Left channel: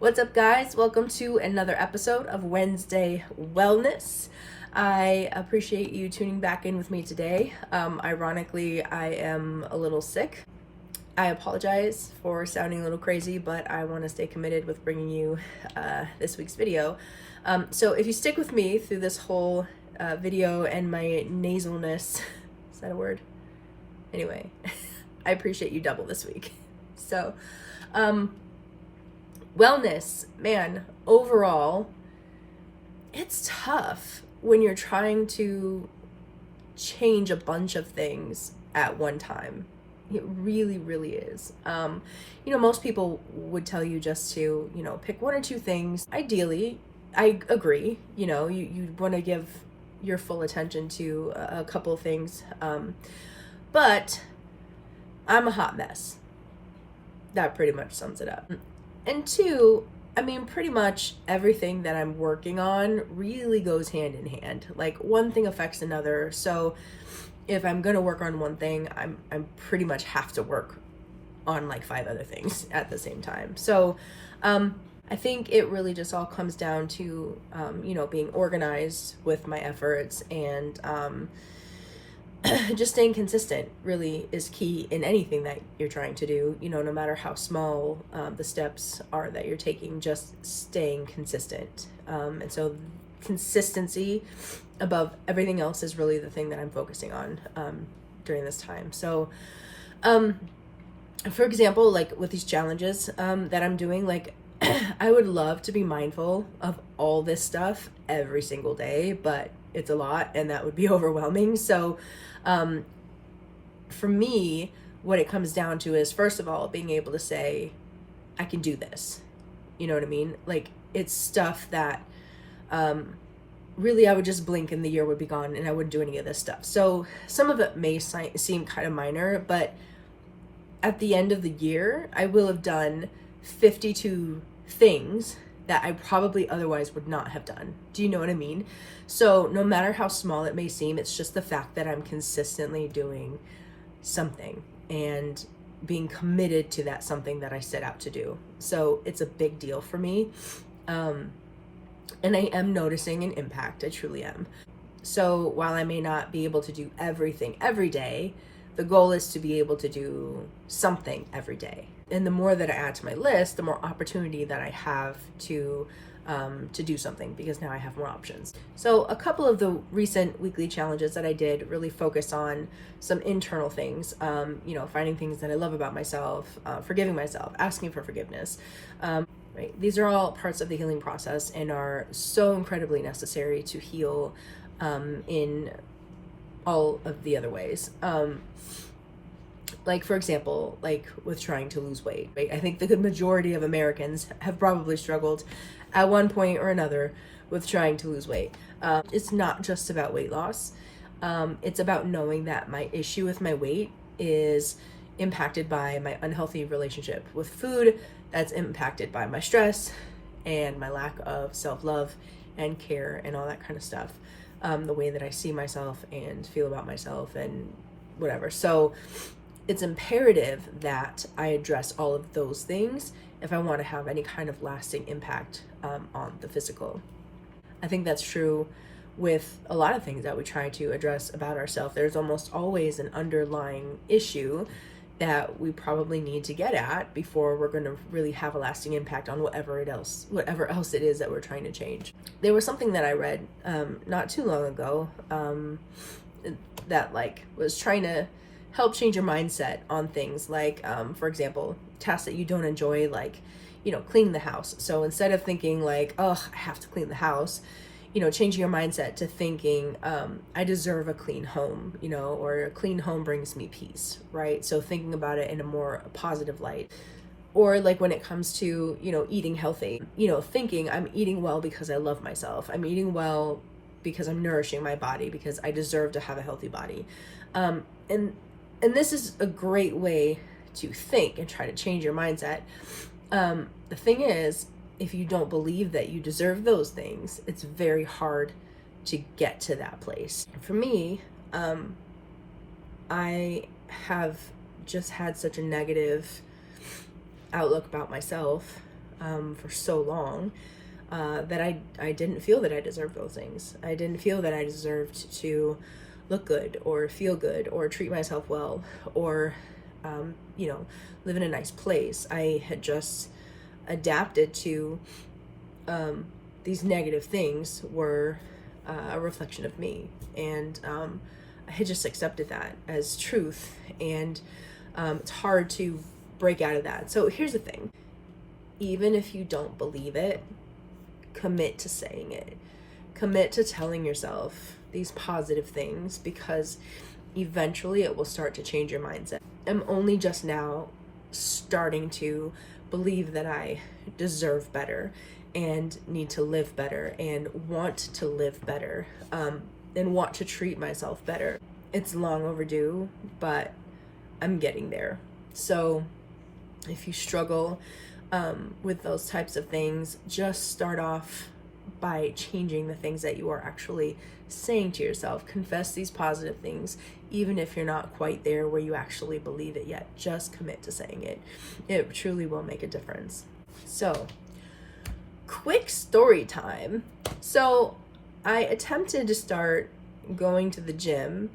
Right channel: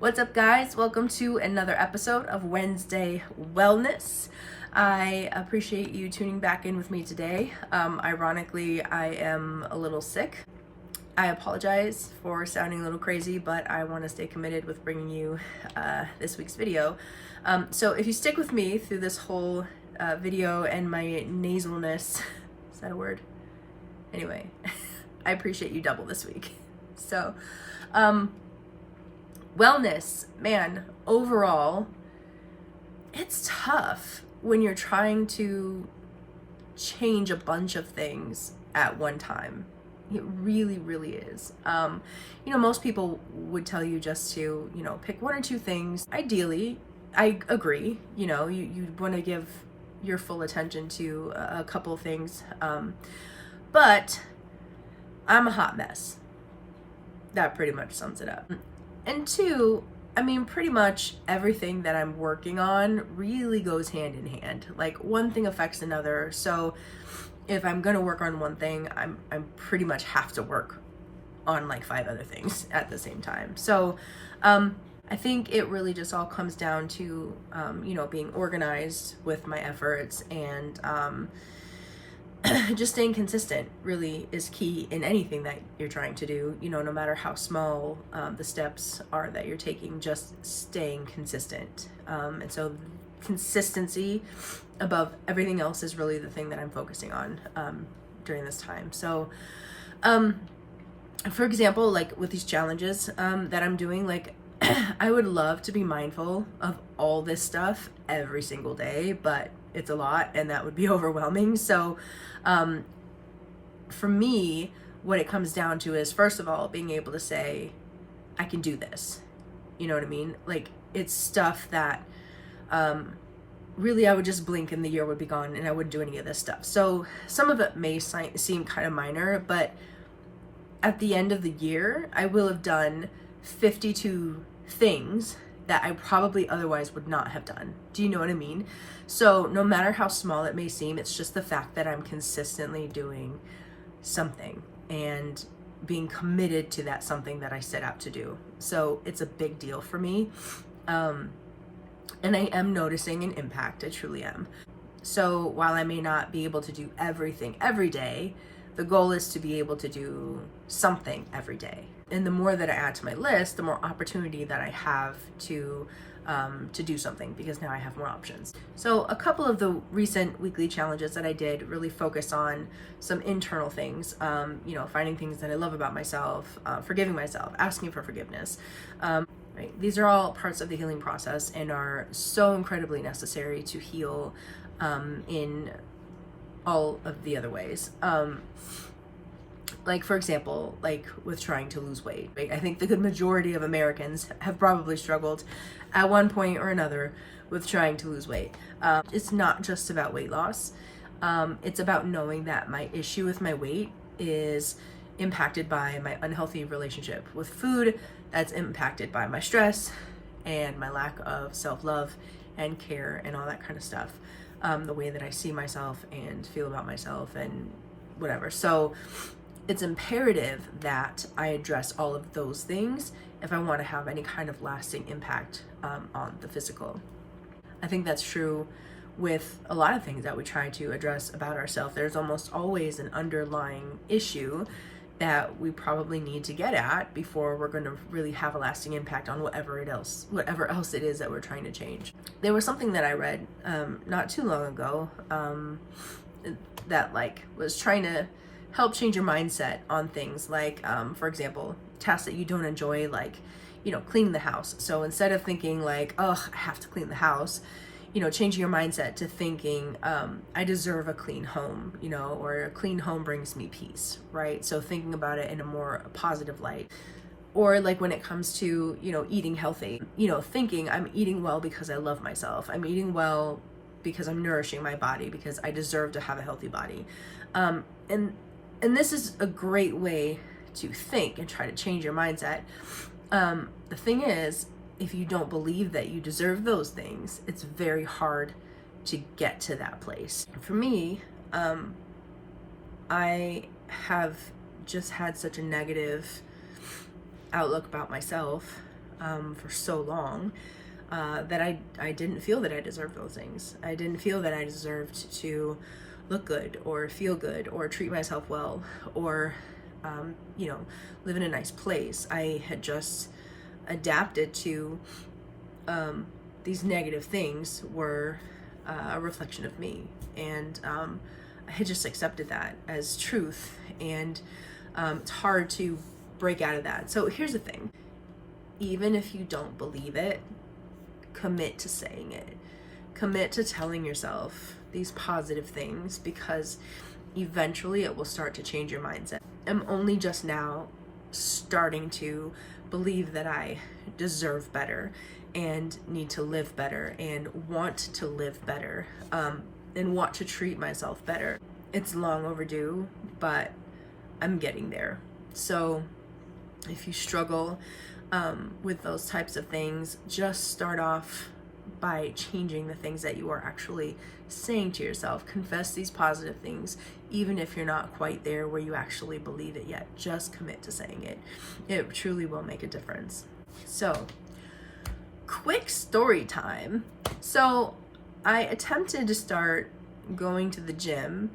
What's up, guys? Welcome to another episode of Wednesday Wellness. I appreciate you tuning back in with me today. Ironically, I am a little sick. I apologize for sounding a little crazy, but I want to stay committed with bringing you this week's video. So if you stick with me through this whole video and my nasalness, is that a word? Anyway, I appreciate you double this week. So, wellness, man, overall, it's tough when you're trying to change a bunch of things at one time. It really, really is. Most people would tell you just to, pick one or two things. Ideally, I agree, you want to give your full attention to a couple of things. But I'm a hot mess. That pretty much sums it up. And two, pretty much everything that I'm working on really goes hand in hand. Like one thing affects another. So if I'm gonna work on one thing, I'm pretty much have to work on like 5 other things at the same time. So I think it really just all comes down to being organized with my efforts, and just staying consistent really is key in anything that you're trying to do, no matter how small the steps are that you're taking, just staying consistent. And so consistency above everything else is really the thing that I'm focusing on during this time. So for example, like with these challenges that I'm doing, like I would love to be mindful of all this stuff every single day, but it's a lot and that would be overwhelming. So for me, what it comes down to is, first of all, being able to say, I can do this. You know what I mean? Like it's stuff that really I would just blink and the year would be gone and I wouldn't do any of this stuff. So some of it may seem kind of minor, but at the end of the year, I will have done 52 things that I probably otherwise would not have done. Do you know what I mean? So no matter how small it may seem, it's just the fact that I'm consistently doing something and being committed to that something that I set out to do. So it's a big deal for me. And I am noticing an impact. I truly am. So while I may not be able to do everything every day, the goal is to be able to do something every day. And the more that I add to my list, the more opportunity that I have to do something, because now I have more options. So a couple of the recent weekly challenges that I did really focus on some internal things, finding things that I love about myself, forgiving myself, asking for forgiveness. Right? These are all parts of the healing process and are so incredibly necessary to heal in all of the other ways. Like for example, like with trying to lose weight, right? I think the good majority of Americans have probably struggled at one point or another with trying to lose weight. It's not just about weight loss. It's about knowing that my issue with my weight is impacted by my unhealthy relationship with food, that's impacted by my stress and my lack of self-love and care and all that kind of stuff. The way that I see myself and feel about myself and whatever. So it's imperative that I address all of those things if I want to have any kind of lasting impact on the physical. I think that's true with a lot of things that we try to address about ourselves. There's almost always an underlying issue that we probably need to get at before we're going to really have a lasting impact on whatever else it is that we're trying to change. There was something that I read not too long ago that was trying to help change your mindset on things like, for example, tasks that you don't enjoy, like, clean the house. So instead of thinking like, oh, I have to clean the house, changing your mindset to thinking, I deserve a clean home, or a clean home brings me peace, right? So thinking about it in a more positive light. Or like when it comes to, eating healthy, thinking I'm eating well because I love myself. I'm eating well because I'm nourishing my body, because I deserve to have a healthy body. And this is a great way to think and try to change your mindset. The thing is, if you don't believe that you deserve those things, it's very hard to get to that place. For me, I have just had such a negative outlook about myself for so long, that I didn't feel that I deserved those things. I didn't feel that I deserved to look good or feel good or treat myself well or, live in a nice place. I had just adapted to these negative things were a reflection of me. And I had just accepted that as truth. And it's hard to break out of that. So here's the thing. Even if you don't believe it, commit to saying it. Commit to telling yourself these positive things, because eventually it will start to change your mindset. I'm only just now starting to believe that I deserve better and need to live better and want to live better, and want to treat myself better. It's long overdue, but I'm getting there. So if you struggle with those types of things, just start off by changing the things that you are actually saying to yourself. Confess these positive things, even if you're not quite there where you actually believe it yet. Just commit to saying it. It truly will make a difference. So, quick story time. So, I attempted to start going to the gym.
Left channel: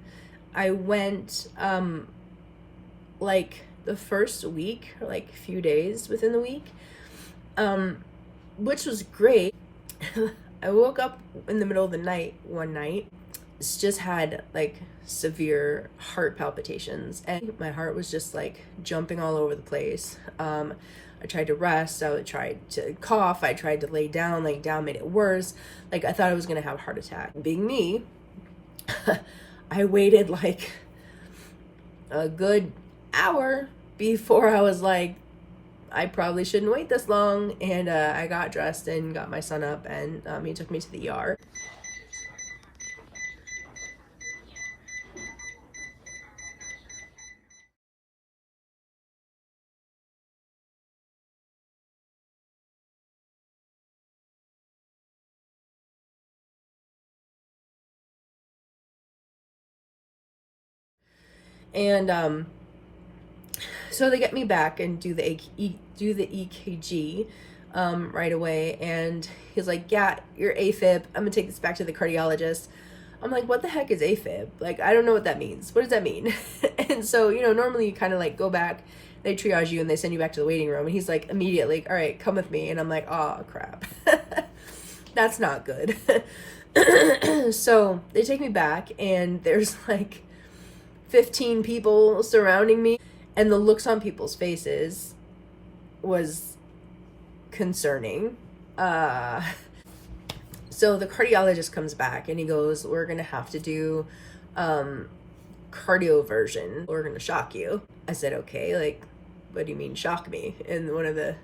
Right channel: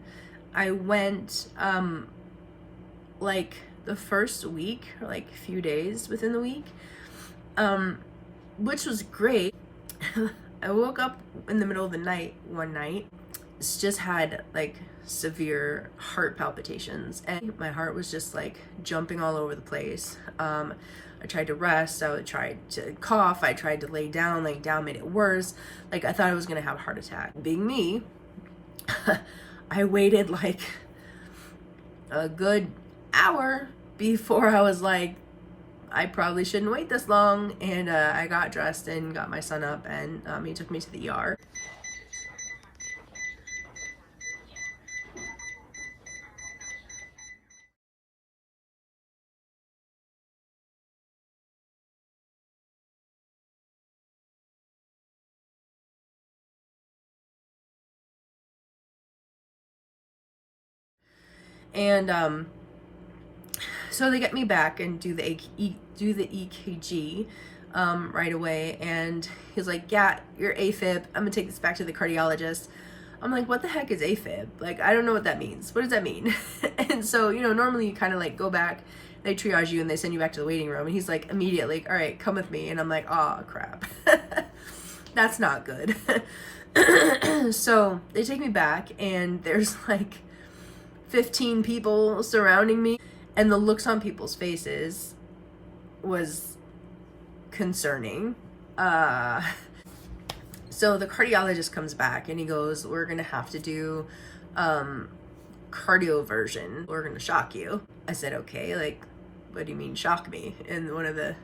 I went like the first week, or like a few days within the week, which was great. I woke up in the middle of the night one night, just had like severe heart palpitations, and my heart was just like jumping all over the place. I tried to rest, I tried to cough, I tried to lay down made it worse. Like, I thought I was gonna have a heart attack. Being me, I waited like a good hour before I was like, I probably shouldn't wait this long. And I got dressed and got my son up, and he took me to the ER. And so they get me back and do the EKG right away, and he's like, yeah, you're AFib. I'm gonna take this back to the cardiologist. I'm like, what the heck is AFib? Like, I don't know what that means. What does that mean? And so, normally you kind of like go back, they triage you and they send you back to the waiting room, and he's like immediately, all right, come with me. And I'm like, oh crap. That's not good. So they take me back, and there's like 15 people surrounding me, and the looks on people's faces was concerning. So the cardiologist comes back and he goes, we're gonna have to do cardioversion. We're gonna shock you. I said, okay, like, what do you mean shock me? And one of the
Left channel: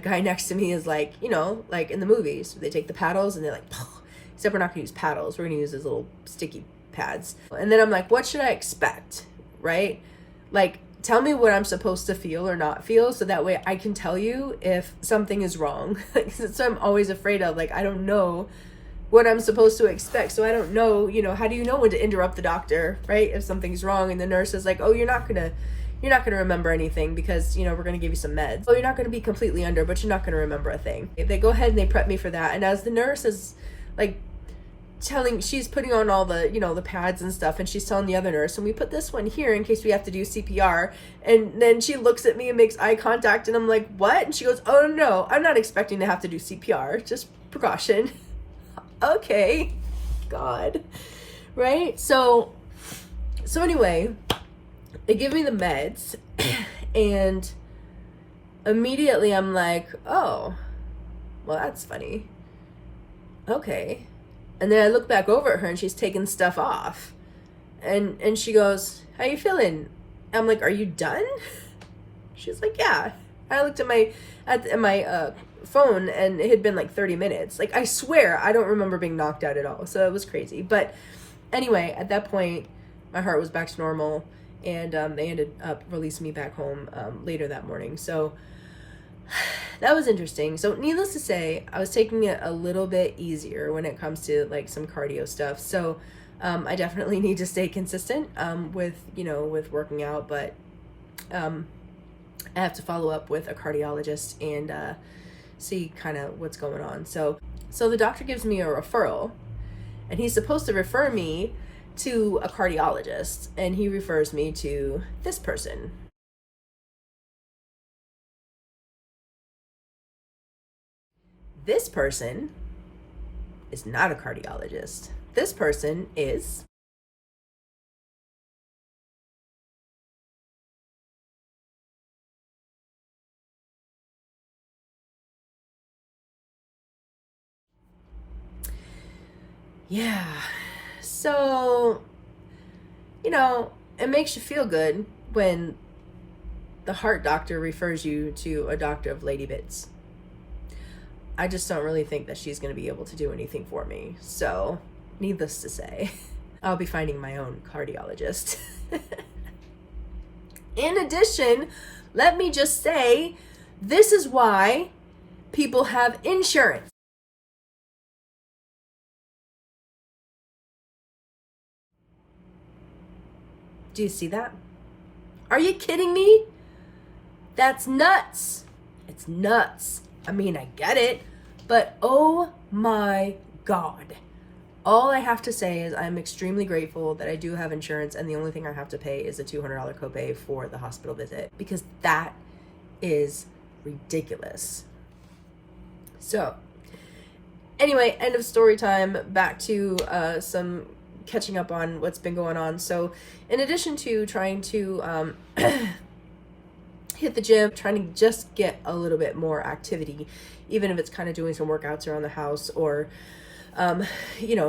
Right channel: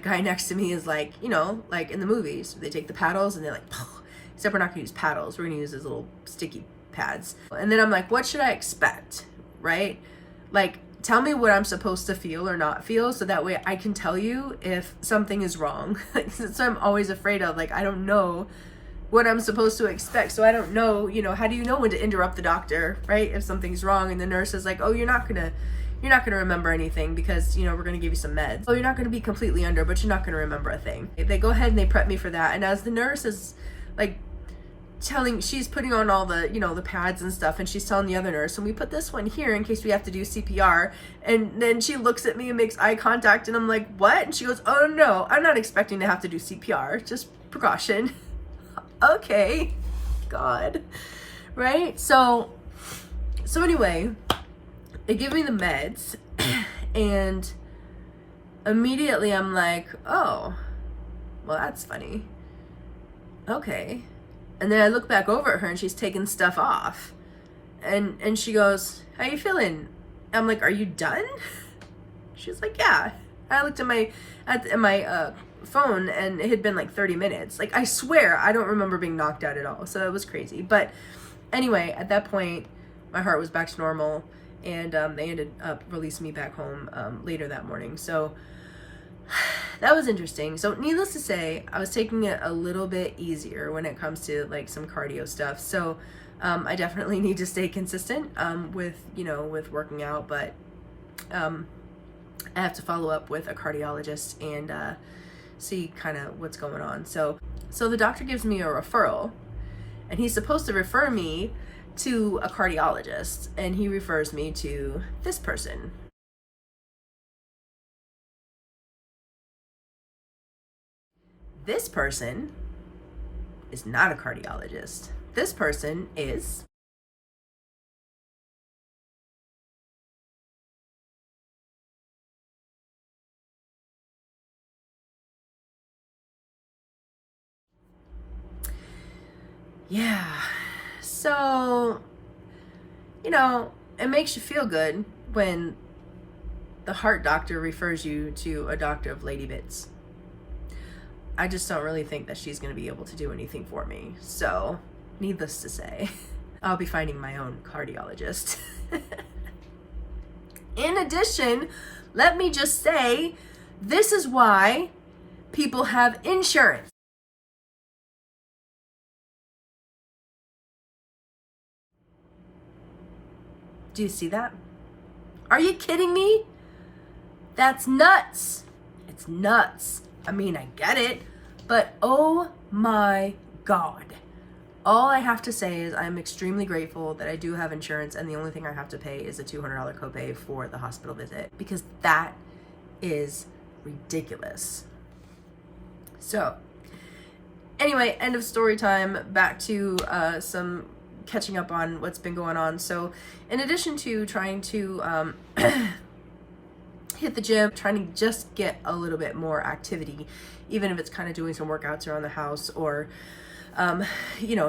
guy next to me is like, like in the movies, they take the paddles and they're like, except we're not gonna use paddles. We're gonna use these little sticky pads. And then I'm like, what should I expect? Right? Like, tell me what I'm supposed to feel or not feel, so that way I can tell you if something is wrong. So I'm always afraid of, like, I don't know what I'm supposed to expect. So I don't know, how do you know when to interrupt the doctor, right? If something's wrong and the nurse is like, oh, you're not gonna remember anything because, we're gonna give you some meds. Oh, you're not gonna be completely under, but you're not gonna remember a thing. They go ahead and they prep me for that. And as the nurse is like she's putting on all the, the pads and stuff, and she's telling the other nurse, and we put this one here in case we have to do CPR. And then she looks at me and makes eye contact, and I'm like, what? And she goes, oh no, I'm not expecting to have to do CPR, just precaution. Okay, God, right? So anyway, they give me the meds, and immediately I'm like, oh, well, that's funny. Okay. And then I look back over at her, and she's taking stuff off. And she goes, how you feeling? I'm like, are you done? She's like, yeah. I looked at my phone, and it had been like 30 minutes. Like, I swear, I don't remember being knocked out at all. So it was crazy. But anyway, at that point, my heart was back to normal, and they ended up releasing me back home later that morning. So that was interesting. So needless to say, I was taking it a little bit easier when it comes to like some cardio stuff. So I definitely need to stay consistent with working out, but I have to follow up with a cardiologist and see kind of what's going on. So the doctor gives me a referral, and he's supposed to refer me to a cardiologist, and he refers me to this person. This person is not a cardiologist. This person is yeah. So, it makes you feel good when the heart doctor refers you to a doctor of lady bits. I just don't really think that she's going to be able to do anything for me. So, needless to say, I'll be finding my own cardiologist. In addition, let me just say, this is why people have insurance. Do you see that? Are you kidding me? That's nuts. It's nuts. I mean, I get it, but oh my God. All I have to say is I'm extremely grateful that I do have insurance, and the only thing I have to pay is a $200 copay for the hospital visit, because that is ridiculous. So anyway, end of story time. Back to some catching up on what's been going on. So in addition to trying to hit the gym, trying to just get a little bit more activity, even if it's kind of doing some workouts around the house, or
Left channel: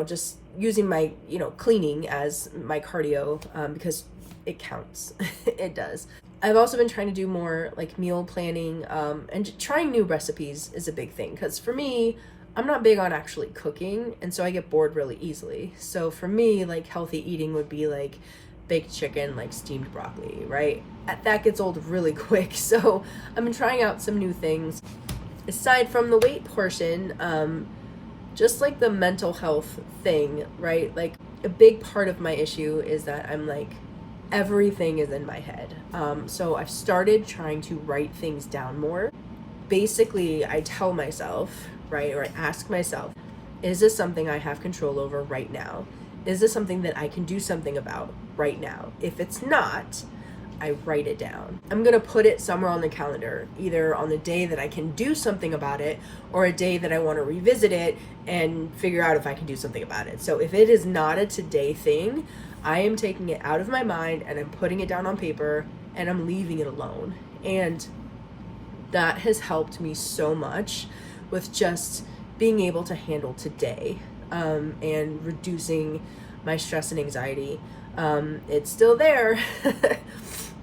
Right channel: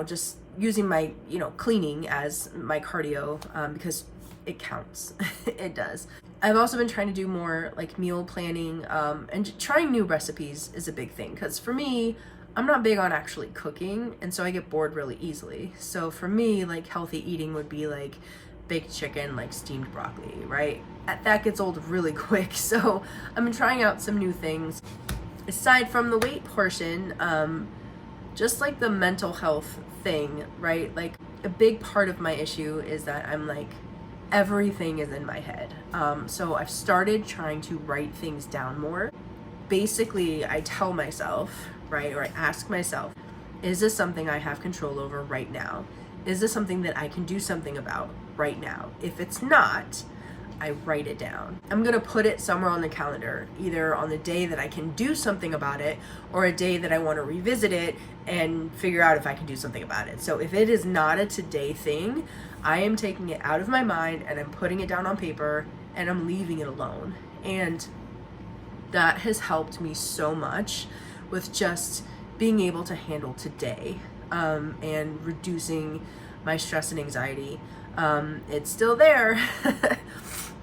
just using my cleaning as my cardio, because it counts. It does. I've also been trying to do more like meal planning, and trying new recipes is a big thing, because for me, I'm not big on actually cooking, and so I get bored really easily. So for me, like, healthy eating would be like baked chicken, like steamed broccoli, right? That gets old really quick. So I've been trying out some new things. Aside from the weight portion, just like the mental health thing, right? Like, a big part of my issue is that I'm like, everything is in my head. So I've started trying to write things down more. Basically, I tell myself, right, or I ask myself, is this something I have control over right now? Is this something that I can do something about right now? If it's not, I write it down. I'm gonna put it somewhere on the calendar, either on the day that I can do something about it, or a day that I want to revisit it and figure out if I can do something about it. So if it is not a today thing, I am taking it out of my mind and I'm putting it down on paper and I'm leaving it alone. And that has helped me so much with just being able to handle today, and reducing my stress and anxiety. It's still there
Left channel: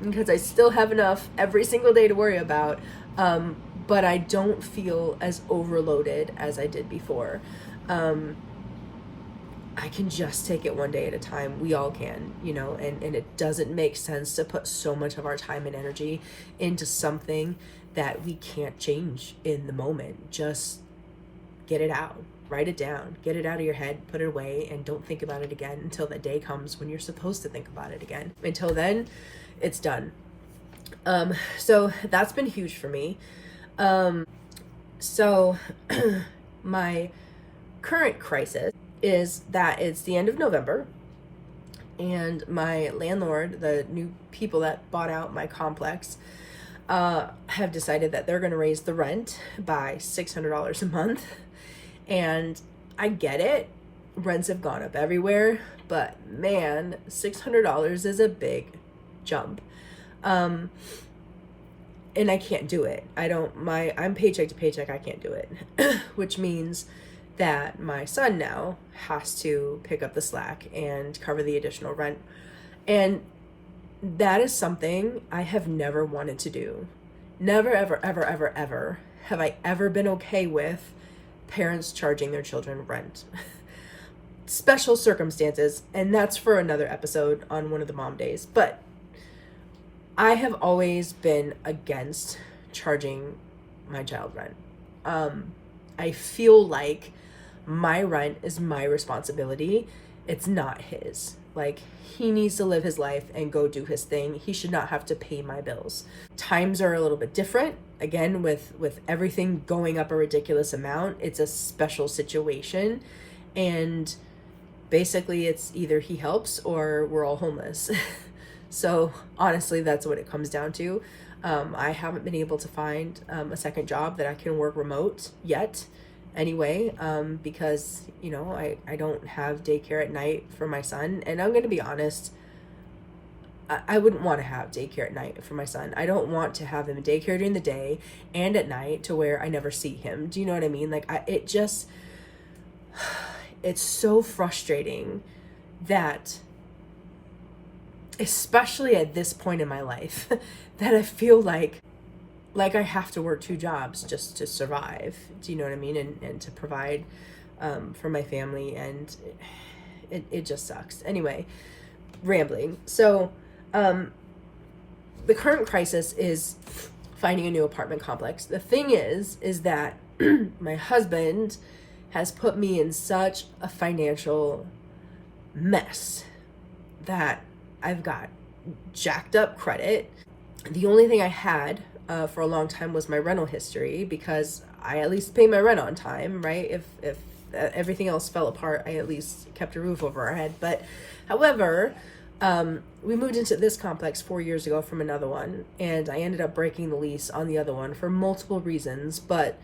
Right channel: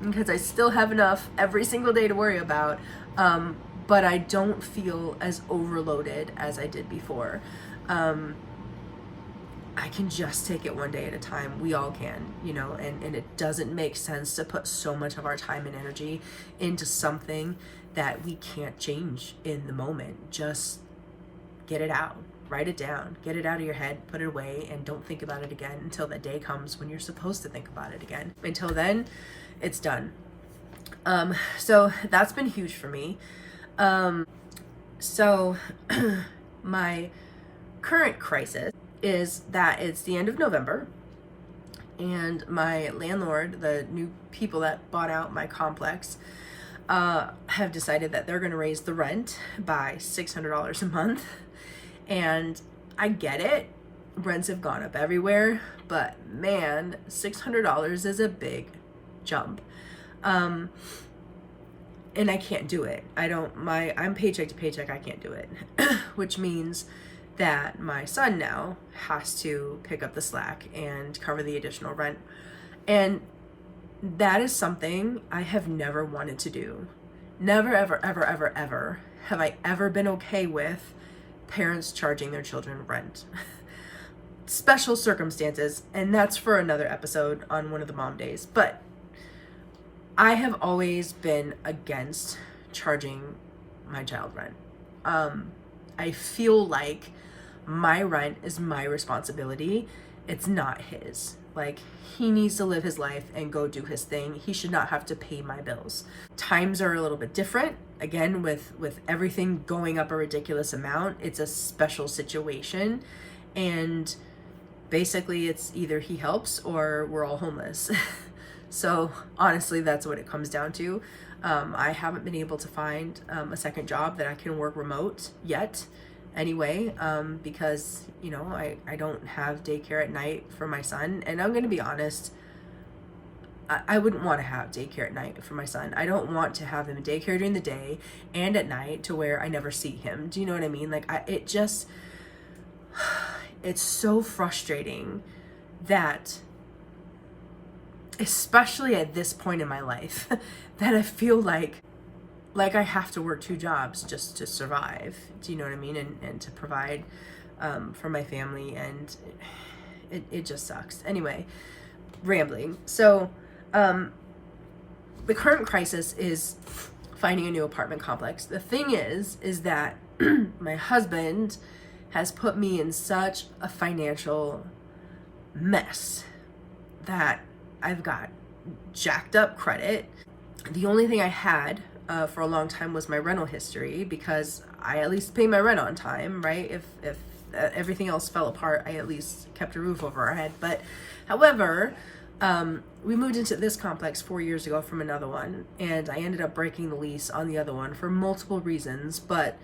because I still have enough every single day to worry about, but I don't feel as overloaded as I did before. I can just take it one day at a time. We all can, and it doesn't make sense to put so much of our time and energy into something that we can't change in the moment. Just get it out, write it down, get it out of your head, put it away, and don't think about it again until the day comes when you're supposed to think about it again. Until then, it's done. So that's been huge for me. So my current crisis is that it's the end of November, and my landlord, the new people that bought out my complex, have decided that they're going to raise the rent by $600 a month. And I get it. Rents have gone up everywhere, but man, $600 is a big jump. And I can't do it. I'm paycheck to paycheck. I can't do it, which means that my son now has to pick up the slack and cover the additional rent. And that is something I have never wanted to do. Never, ever, ever, ever, ever have I ever been okay with parents charging their children rent. Special circumstances, and that's for another episode on one of the mom days. But I have always been against charging my child rent. I feel like my rent is my responsibility. It's not his. Like, he needs to live his life and go do his thing. He should not have to pay my bills. Times are a little bit different. Again, with everything going up a ridiculous amount, it's a special situation. And basically it's either he helps or we're all homeless. So honestly, that's what it comes down to. I haven't been able to find a second job that I can work remote yet anyway, because, you know, I don't have daycare at night for my son. And I'm going to be honest, I wouldn't want to have daycare at night for my son. I don't want to have him in daycare during the day and at night to where I never see him. Do you know what I mean? Like, it's so frustrating that, especially at this point in my life, that I feel like I have to work 2 jobs just to survive. Do you know what I mean? And to provide for my family, and it just sucks. Anyway, rambling. So the current crisis is finding a new apartment complex. The thing is that my husband has put me in such a financial mess that I've got jacked up credit. The only thing I had for a long time was my rental history, because I at least pay my rent on time, right? If everything else fell apart, I at least kept a roof over our head. But however, we moved into this complex 4 years ago from another one, and I ended up breaking the lease on the other one for multiple reasons, but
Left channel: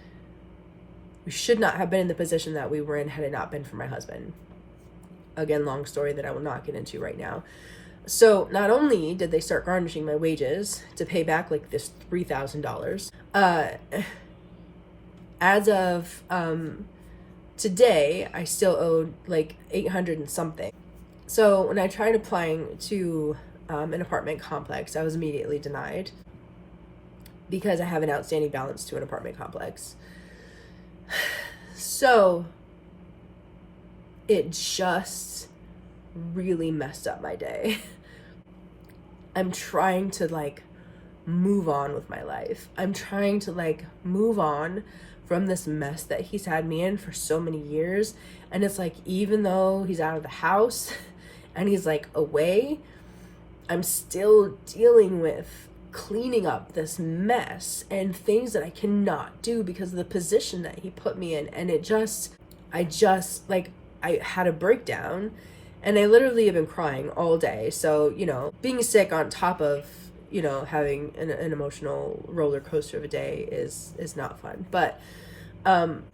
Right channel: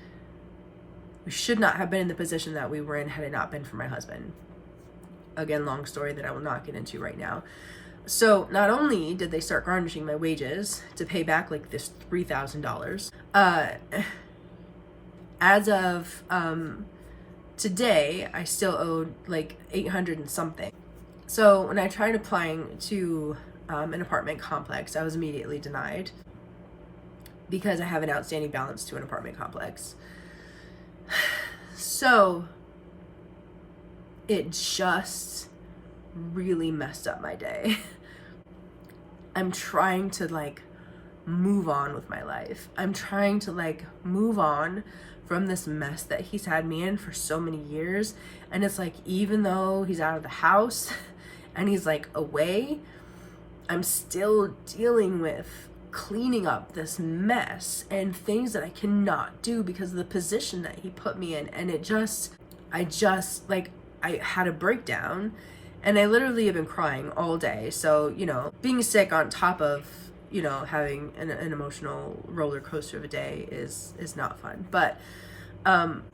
we should not have been in the position that we were in had it not been for my husband. Again, long story that I will not get into right now. So not only did they start garnishing my wages to pay back like this $3,000, as of today, I still owed like $800 and something. So when I tried applying to an apartment complex, I was immediately denied because I have an outstanding balance to an apartment complex. So it just really messed up my day. I'm trying to like move on with my life. I'm trying to like move on from this mess that he's had me in for so many years. And it's like, even though he's out of the house and he's like away, I'm still dealing with cleaning up this mess and things that I cannot do because of the position that he put me in. And I had a breakdown, and I literally have been crying all day. So, you know, being sick on top of, you know, having an emotional roller coaster of a day is not fun. But I'm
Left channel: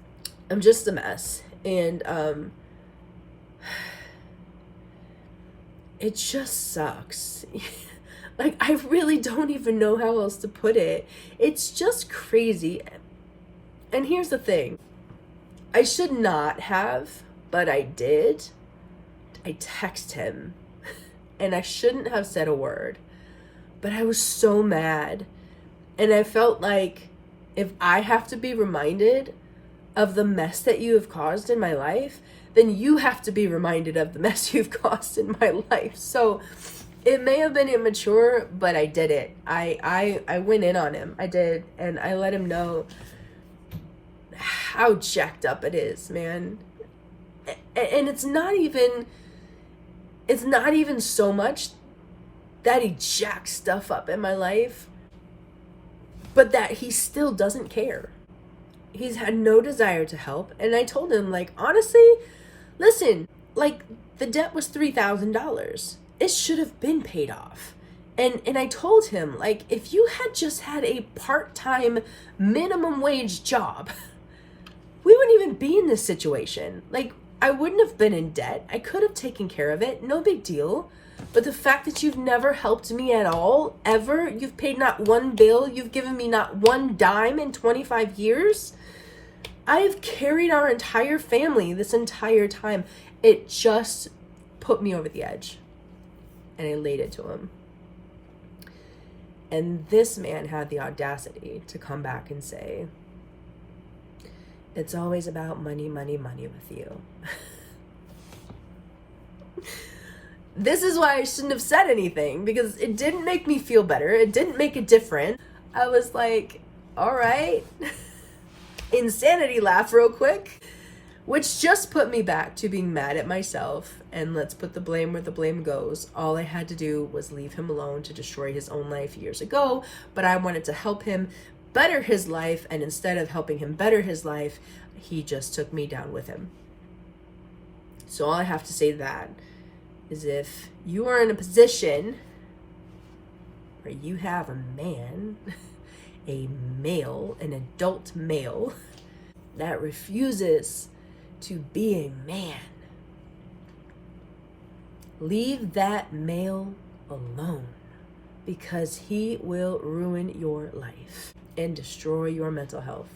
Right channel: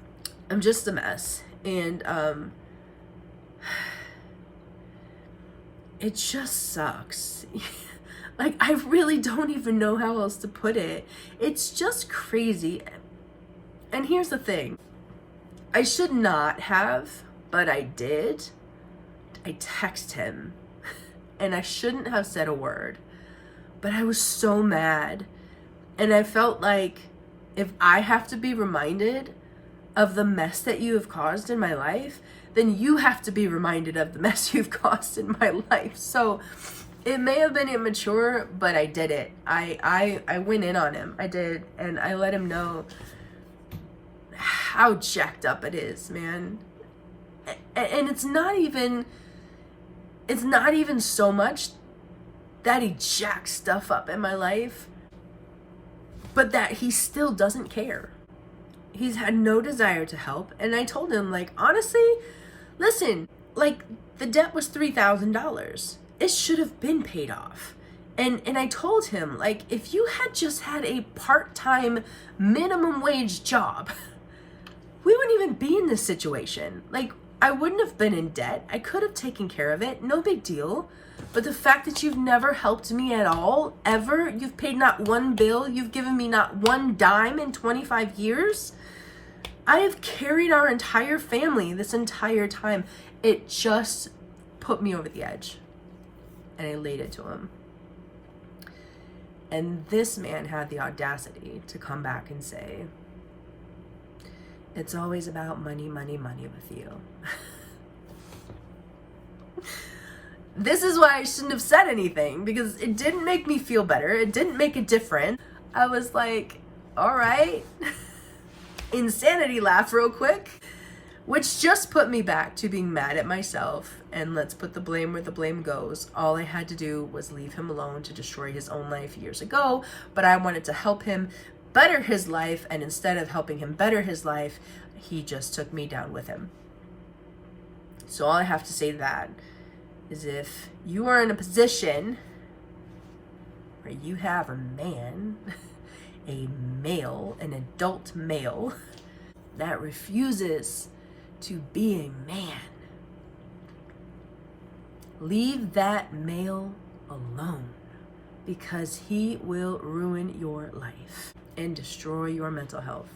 just a mess, and it just sucks. Like, I really don't even know how else to put it. It's just crazy. And here's the thing. I should not have, but I did. I texted him, and I shouldn't have said a word, but I was so mad. And I felt like, if I have to be reminded of the mess that you have caused in my life, then you have to be reminded of the mess you've caused in my life. So it may have been immature, but I did it. I went in on him. I did. And I let him know how jacked up it is, man. And it's not even so much that he jacks stuff up in my life, but that he still doesn't care. He's had no desire to help. And I told him, like, honestly, listen, like, the debt was $3,000. It should have been paid off. And I told him, like, if you had just had a part-time minimum wage job, we wouldn't even be in this situation. Like, I wouldn't have been in debt. I could have taken care of it. No big deal. But the fact that you've never helped me at all, ever, you've paid not one bill, you've given me not one dime in 25 years. I have carried our entire family this entire time. It just put me over the edge. And I laid it to him. And this man had the audacity to come back and say, it's always about money, money, money with you. This is why I shouldn't have said anything, because it didn't make me feel better. It didn't make a difference. I was like, all right. Insanity laugh real quick. which just put me back to being mad at myself. And let's put the blame where the blame goes. All I had to do was leave him alone to destroy his own life years ago, but I wanted to help him better his life, and instead of helping him better his life, he just took me down with him. So all I have to say to that is, if you are in a position where you have a man, a male, an adult male, that refuses to be a man, leave that male alone, because he will ruin your life and destroy your mental health.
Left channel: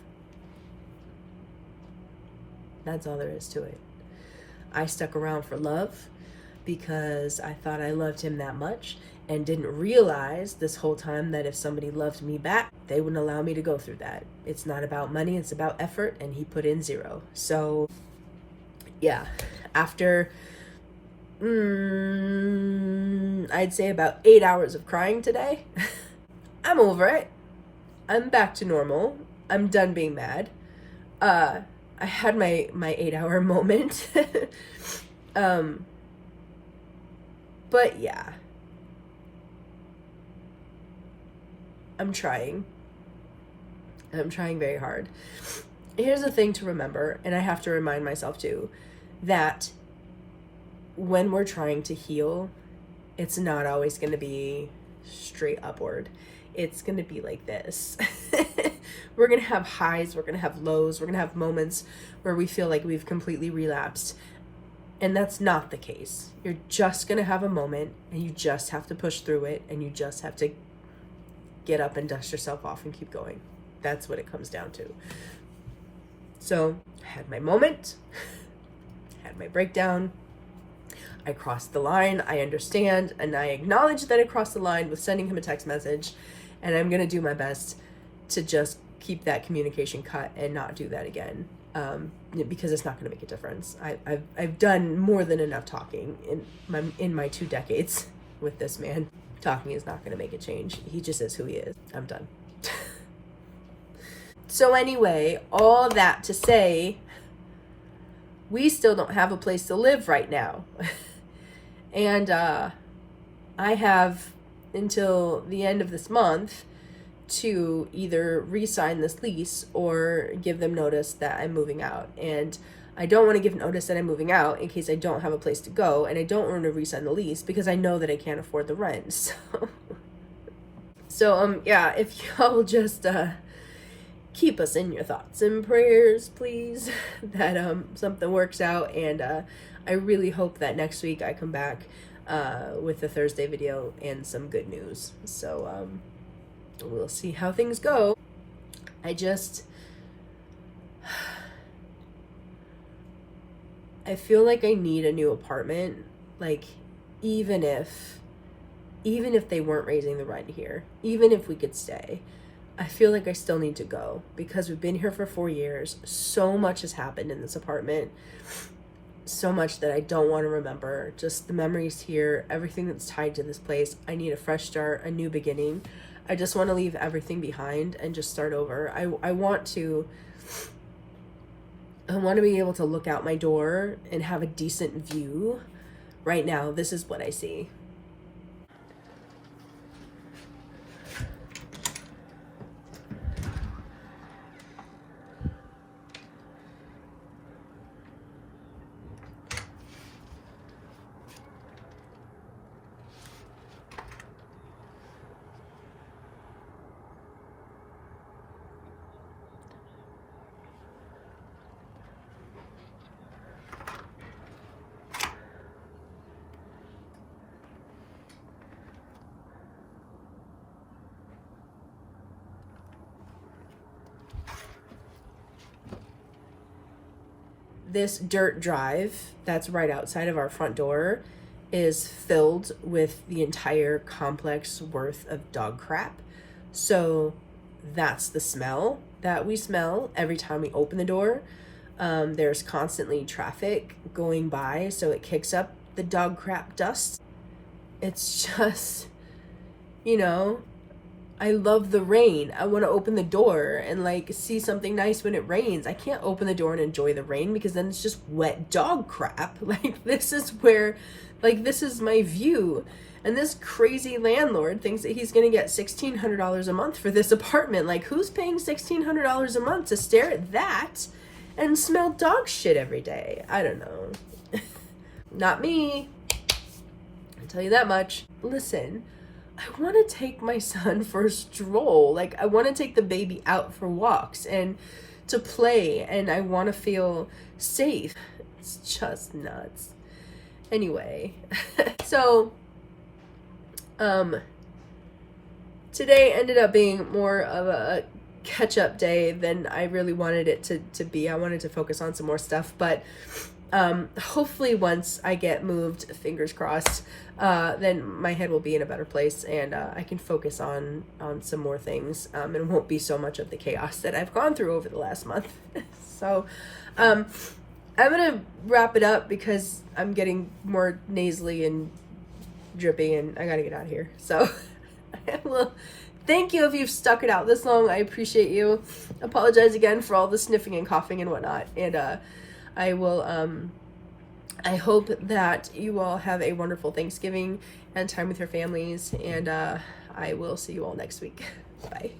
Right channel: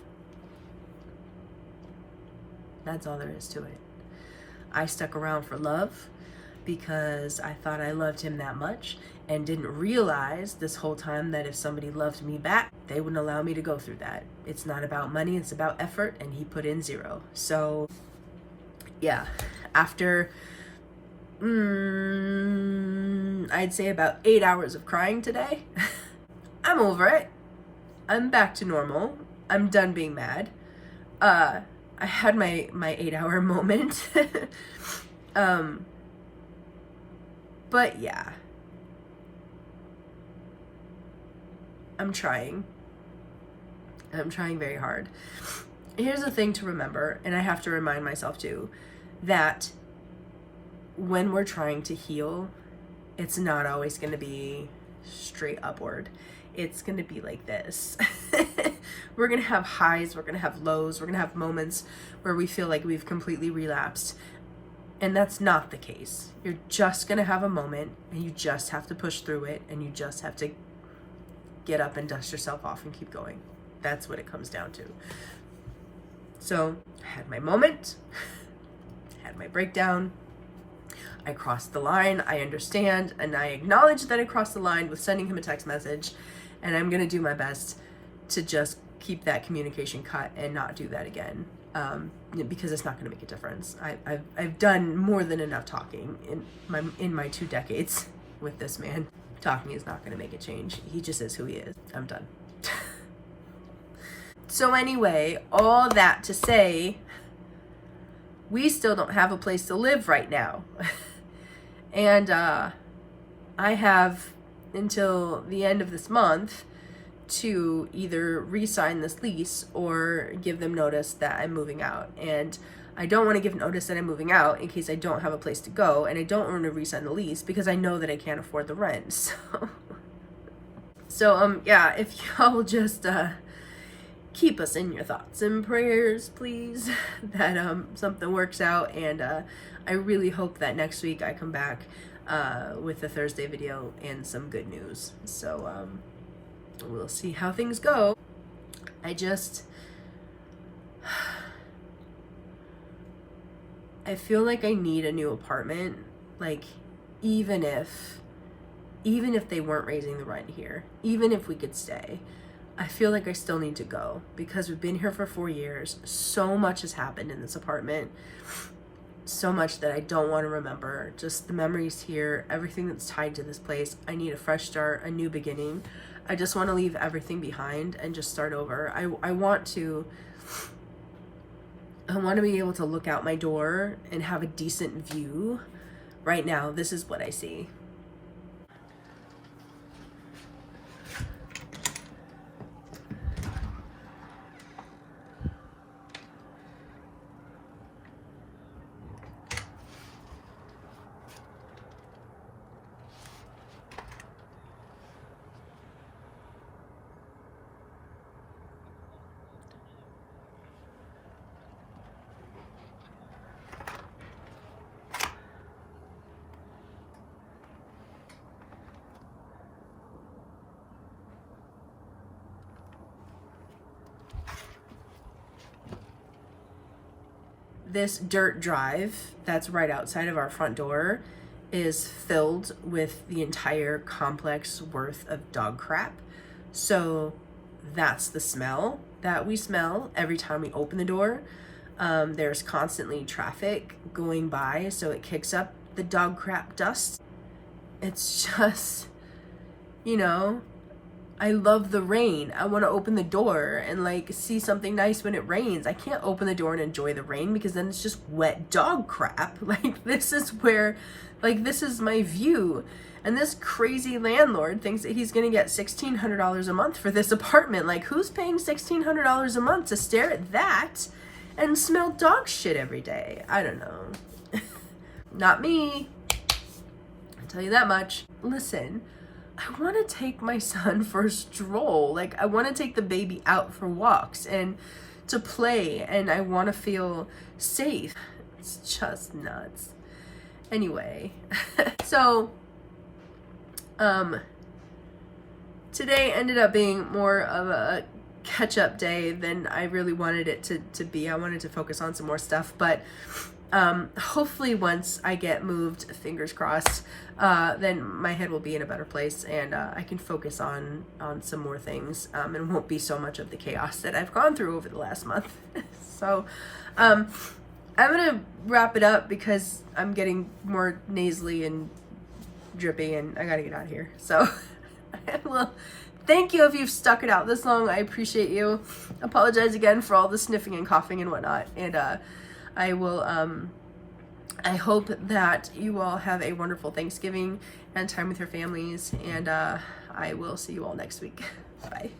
That's all there is to it. I stuck around for love because I thought I loved him that much, and didn't realize this whole time that if somebody loved me back, they wouldn't allow me to go through that. It's not about money, it's about effort, and he put in 0. So yeah, after I'd say about 8 hours of crying today, I'm over it. I'm back to normal. I'm done being mad. I had my 8-hour moment. But yeah, I'm trying. I'm trying very hard. Here's the thing to remember, and I have to remind myself too, that when we're trying to heal, it's not always going to be straight upward. It's going to be like this. We're going to have highs, we're going to have lows, we're going to have moments where we feel like we've completely relapsed. And that's not the case. You're just going to have a moment, and you just have to push through it, and you just have to get up and dust yourself off and keep going. That's what it comes down to. So I had my moment, had my breakdown. I crossed the line, I understand, and I acknowledge that I crossed the line with sending him a text message, and I'm gonna do my best to just keep that communication cut and not do that again, because it's not gonna make a difference. I've done more than enough talking in my 2 decades with this man. Talking is not gonna make a change. He just is who he is. I'm done. So anyway, all that to say, we still don't have a place to live right now. And I have until the end of this month to either re-sign this lease or give them notice that I'm moving out. And I don't want to give notice that I'm moving out in case I don't have a place to go, and I don't want to re-sign the lease because I know that I can't afford the rent. So yeah, if y'all will just keep us in your thoughts and prayers, please, that something works out. And I really hope that next week I come back with the Thursday video and some good news. So we'll see how things go. I feel like I need a new apartment, like even if they weren't raising the rent here, even if we could stay, I feel like I still need to go, because we've been here for 4 years. So much has happened in this apartment, so much that I don't want to remember. Just the memories here, everything that's tied to this place. I need a fresh start, a new beginning. I just want to leave everything behind and just start over. I want to be able to look out my door and have a decent view. Right now, this is what I see. This dirt drive that's right outside of our front door is filled with the entire complex worth of dog crap. So that's the smell that we smell every time we open the door. There's constantly traffic going by, so it kicks up the dog crap dust. It's just, I love the rain. I want to open the door and like see something nice when it rains. I can't open the door and enjoy the rain because then it's just wet dog crap. Like this is where, like this is my view. And this crazy landlord thinks that he's going to get $1,600 a month for this apartment. Like who's paying $1,600 a month to stare at that and smell dog shit every day? I don't know. Not me. I'll tell you that much. Listen, I want to take my son for a stroll. Like I want to take the baby out for walks and to play, and I want to feel safe. It's just nuts. Anyway, so today ended up being more of a catch-up day than I really wanted it to be. I wanted to focus on some more stuff, but hopefully once I get moved, fingers crossed, then my head will be in a better place and I can focus on some more things and won't be so much of the chaos that I've gone through over the last month. So I'm gonna wrap it up because I'm getting more nasally and drippy and I gotta get out of here. So well, thank you if you've stuck it out this long. I appreciate you. Apologize again for all the sniffing and coughing and whatnot, and I will I hope that you all have a wonderful Thanksgiving and time with your families, and I will see you all next week. Bye.